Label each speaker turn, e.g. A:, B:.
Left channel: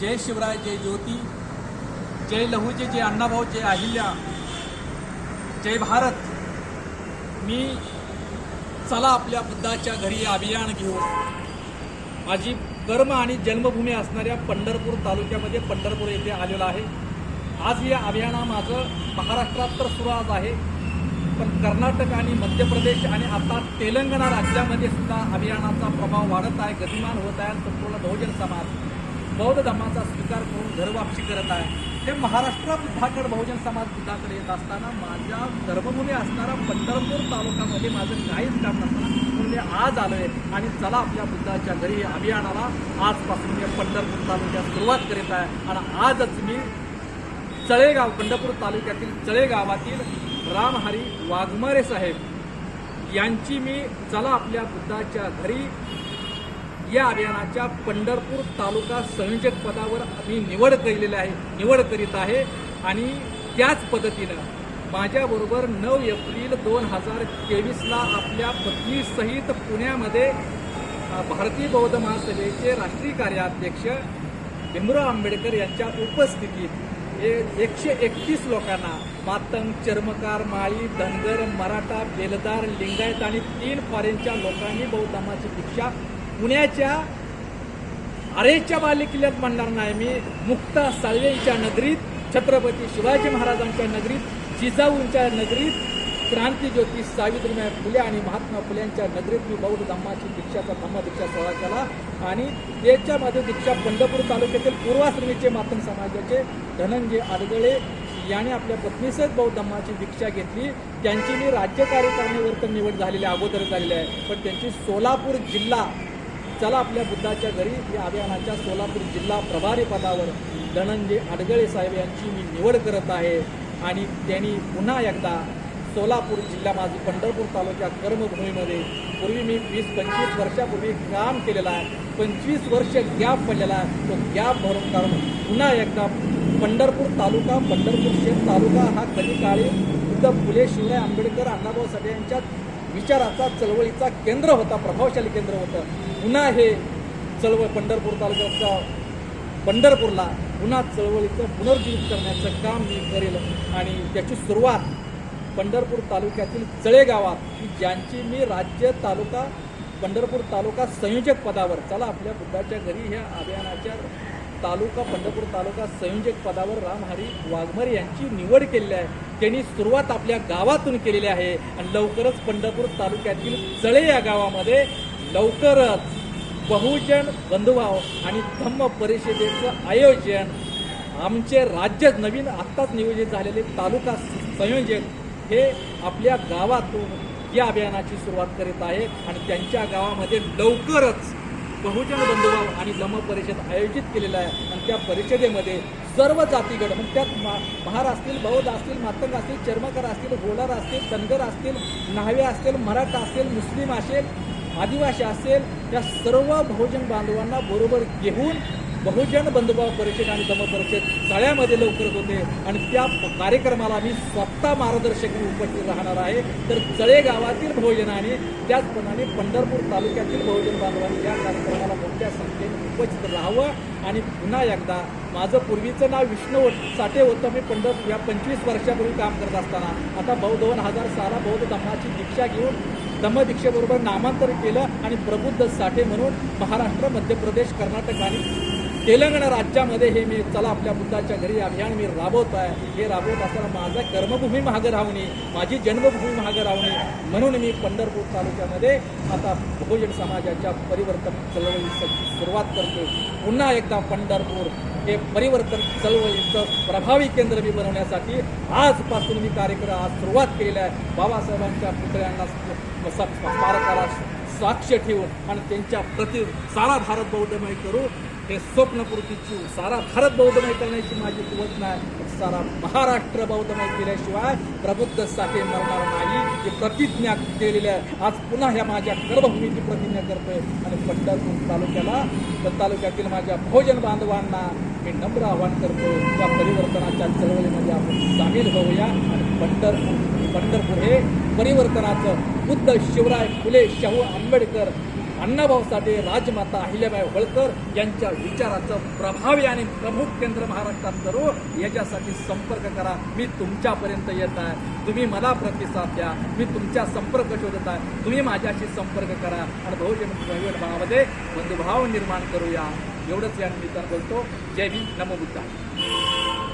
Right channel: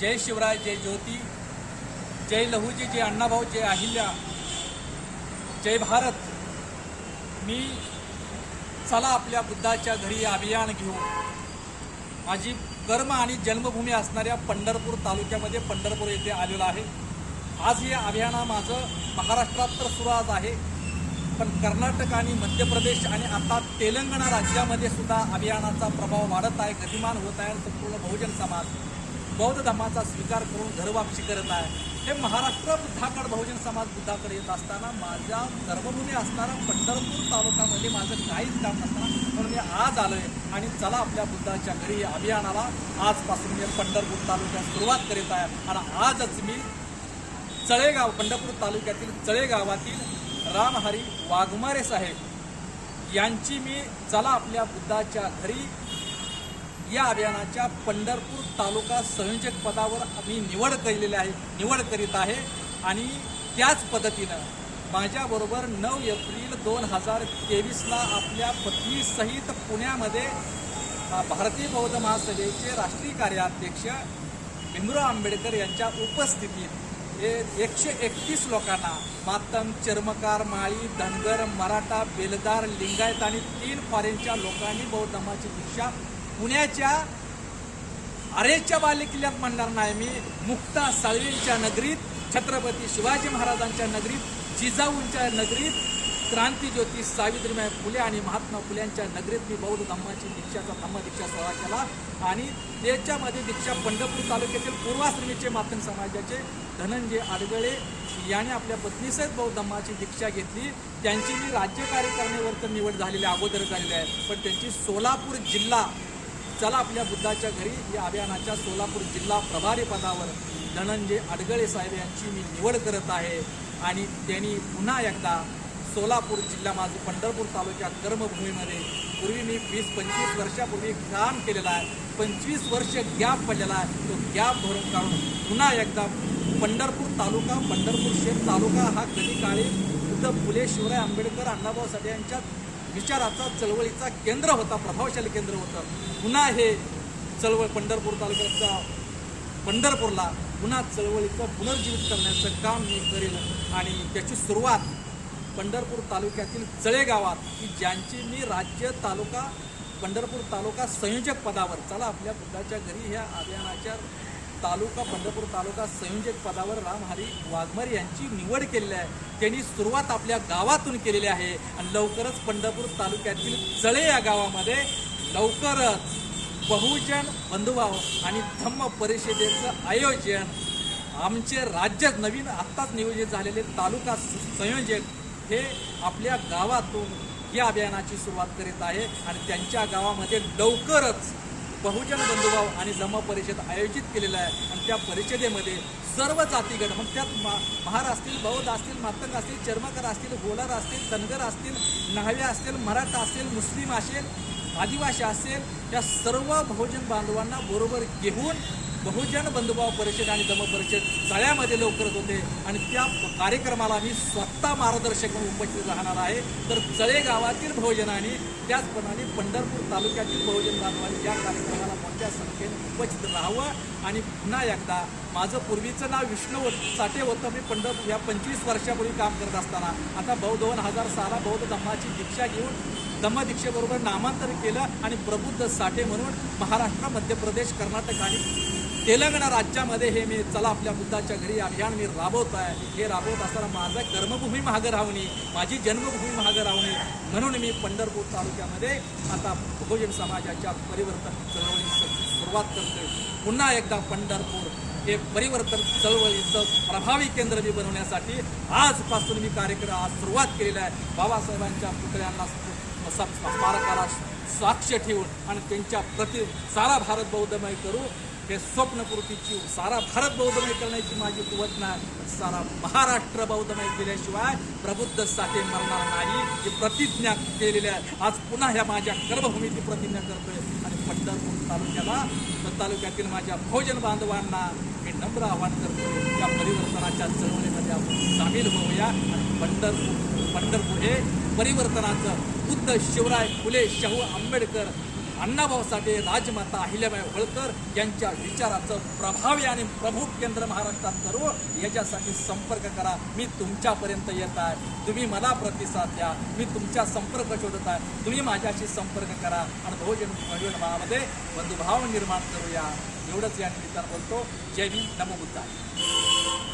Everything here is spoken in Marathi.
A: जय शिवराय जय ज्योती जय लहूजी जय अण्णाभाऊ जय अहिल्या जय भारत. मी चला आपल्या बुद्धाच्या घरी अभियान घेऊ. माझी कर्म आणि जन्मभूमी असणाऱ्या पंढरपूर तालुक्यामध्ये पंढरपूर येथे आलेलं आहे. आज या अभियाना माझं महाराष्ट्रात तर सुरू आज आहे पण कर्नाटक आणि मध्य प्रदेश आणि आता तेलंगणा राज्यामध्ये सुद्धा अभियानाचा प्रभाव वाढत आहे गतिमान होत आहे संपूर्ण बहुजन समाज बौद्ध धर्माचा स्वीकार करून घरवापसी करत आहे. हे महाराष्ट्र बुद्धाकड बहुजन समाज बुद्धाकडे येत असताना माझ्या कर्मभूमी असणारा पंढरपूर तालुक्यामध्ये माझं काहीच काम नसताना म्हणून मी आज आलोय आणि चला आपल्या बुद्धाच्या घरी अभियानाला आजपासून मी पंढरपूर तालुक्यात सुरुवात करीत आहे. आणि आजच मी चळेगाव पंढरपूर तालुक्यातील चळेगावातील रामहरी वाघमारे साहेब यांची मी चला आपल्या बुद्धाच्या घरी या अभियानाच्या पंढरपूर तालुका संयोजक पदावर मी निवड केलेली आहे निवड करीत आहे. आणि त्याच पद्धतीनं माझ्याबरोबर नऊ एप्रिल दोन हजार तेवीसला आपल्या पत्नीसहित पुण्यामध्ये भारतीय बौद्ध महासभेचे राष्ट्रीय कार्याध्यक्ष भीमराव आंबेडकर यांच्या उपस्थितीत हे एकशे एकतीस लोकांना मातंग चर्मकार माळी धनगर मराठा बेलदार लिंगायत आणि तीन फारेंच्या लोकांनी बौद्ध धर्माची दीक्षा पुण्याच्या अरेच्या बालेकिल्ल्यात म्हणणार नाही मी. मुक्ता साळवेंच्या नगरीत छत्रपती शिवाजी महाराजांच्या नगरीत जिजाऊंच्या नगरीत क्रांतीज्योती सावित्रीबाई फुले आणि महात्मा फुलेंच्या नगरीत मी बौद्ध धम्माची दीक्षाचा धम्मदीक्षा सोहळा केला. आणि त्याच्यामध्ये दीक्षा पंढरपूर तालुक्यातील पूर्वाश्रमीचे मातंग समाजाचे धनंजय आडगळे यांनी आपल्या पत्नीसहित बौद्ध धम्माची दीक्षा घेतली. त्यांची मी राज्य कार्यकारिणीवर तर निवड झालेली अगोदर झालेली आहे. पण त्यांची सोलापूर जिल्हा चला आपल्या बुद्धाच्या घरी या अभियानाच्या सोलापूर जिल्हा प्रभारी पदावर धनंजय अडगळे साहेब यांची मी निवड करत आहे. आणि त्यांनी पुन्हा एकदा सोलापूर जिल्हा माझी पंढरपूर तालुक्या कर्मभूमीमध्ये पूर्वी मी वीस पंचवीस वर्षापूर्वी काम केलेला आहे पंचवीस वर्ष गॅप पडलेला तो गॅप भरून काढून पुन्हा एकदा पंढरपूर तालुका पंढरपूर शहर तालुका हा कधी काळी इथं फुले शिवराय आंबेडकर अण्णाभाऊ साठे यांच्या विचाराचा चळवळीचा केंद्र होता प्रभावशाली केंद्र होतं. पुन्हा हे चळवळ पंढरपूर तालुक्याचं पंढरपूरला पुन्हा चळवळीचं पुनर्जीवित करण्याचं काम मी करेल. आणि त्याची सुरुवात पंढरपूर तालुक्यातील चळे गावात की ज्यांची मी राज्य तालुका पंढरपूर तालुका संयोजक पदावर चला आपल्या बुद्धाच्या घरी ह्या अभियानाच्या तालुका पंढरपूर तालुका संयोजक पदावर रामहरी वाघमर यांची निवड केलेली आहे. त्यांनी सुरुवात आपल्या गावातून केलेली आहे. आणि लवकरच पंढरपूर तालुक्यातील चळे या गावामध्ये लवकरच बहुजन बंधुभाव आणि धम्म परिषदेचं आयोजन आमचे राज्य नवीन आत्ताच नियोजित झालेले तालुका संयोजक हे आपल्या गावातून या अभियानाची सुरुवात करीत आहेत. आणि त्यांच्या गावामध्ये लवकरच बहुजन बंधुभाव आणि जमा परिषद आयोजित केलेलं आहे. आणि त्या परिषदेमध्ये सर्व जातीगड मग त्यात मा- महार असतील बौद्ध असतील मातंग असतील चर्मकर असतील गोलार असतील तनगर असतील न्हावे असतील मराठा असेल मुस्लिम असेल आदिवासी असेल या सर्व बहुजन बांधवांना बरोबर घेऊन बहुजन बंधुभाव परिषद आणि धम्म परिषद सगळ्यामध्ये लवकरच होते. आणि त्या कार्यक्रमाला मी स्वतः मार्गदर्शक म्हणून उपस्थित राहणार आहे. तर चळे गावातील बहुजनाने त्याचप्रमाणे पंढरपूर तालुक्यातील बहुजन बांधवांनी या कार्यक्रमाला मोठ्या संख्येने उपस्थित राहावं. आणि पुन्हा एकदा माझं पूर्वीचं नाव विष्णू साठे होतं. मी पंढरपूर या पंचवीस वर्षापूर्वी काम करत असताना आता बहु दोन हजार सहाला बौद्ध धर्माची दीक्षा घेऊन धम्मदीक्षेबरोबर नामांतर केलं. आणि प्रबुद्ध साठे म्हणून महाराष्ट्र मध्य प्रदेश कर्नाटक आणि तेलंगणा राज्यामध्ये हे मी चला आपल्या बुद्धाच्या घरी अभियान मी राबवत आहे. हे राबवत असताना माझं कर्मभूमी महागं राहणे माझी जन्मभूमी महागं राहू म्हणून मी पंढरपूर तालुक्यामध्ये आता बहुजन समाजाच्या परिवर्तन चळवळीचं सुरुवात करतो पुन्हा एकदा पंढरपूर हे परिवर्तन चळवळीचं प्रभावी केंद्र मी बनवण्यासाठी आजपासून मी कार्यक्रम आज सुरुवात केलेला आहे. बाबासाहेबांच्या पुतळ्यांना स्मारकाला साक्ष ठेवून आणि त्यांच्या प्रति सारा भारत बौद्धमय करू हे स्वप्नपूर्तीची सारा भारत बौद्धमय करण्याची माझी कुवत नाही सारा महाराष्ट्र बौद्धमय केल्याशिवाय प्रबुद्धसाठी मरणार नाही. ही प्रतिज्ञा केलेल्या आहे. आज पुन्हा ह्या माझ्या कर्मभूमीची प्रतिज्ञा करतोय. आणि पंढरपूर तालुक्याला तालुक्यातील माझ्या भोजन बांधवांना हे नम्र आव्हान करतो. त्या परिवर्तनाच्या चळवळीमध्ये आपण सामील होऊया. पंढरपूर पंढरपूर हे परिवर्तनाचं बुद्ध शिवराय फुले शाहू आंबेडकर अण्णाभाऊ साठे राजमाता अहिल्याबाई होळकर यांच्या विचाराचं प्रभावी आणि प्रमुख केंद्र महाराष्ट्रात करू याच्यासाठी संपर्क करा. मी तुमच्यापर्यंत येत आहे. तुम्ही मला प्रतिसाद द्या. मी तुमच्या संपर्क शोधत आहे. तुम्ही माझ्याशी संपर्क करा. आणि बहुजन भावामध्ये बंधुभाव निर्माण करूया. एवढंच या निमित्तानं बोलतो. जय हिंद. नमो बुद्धा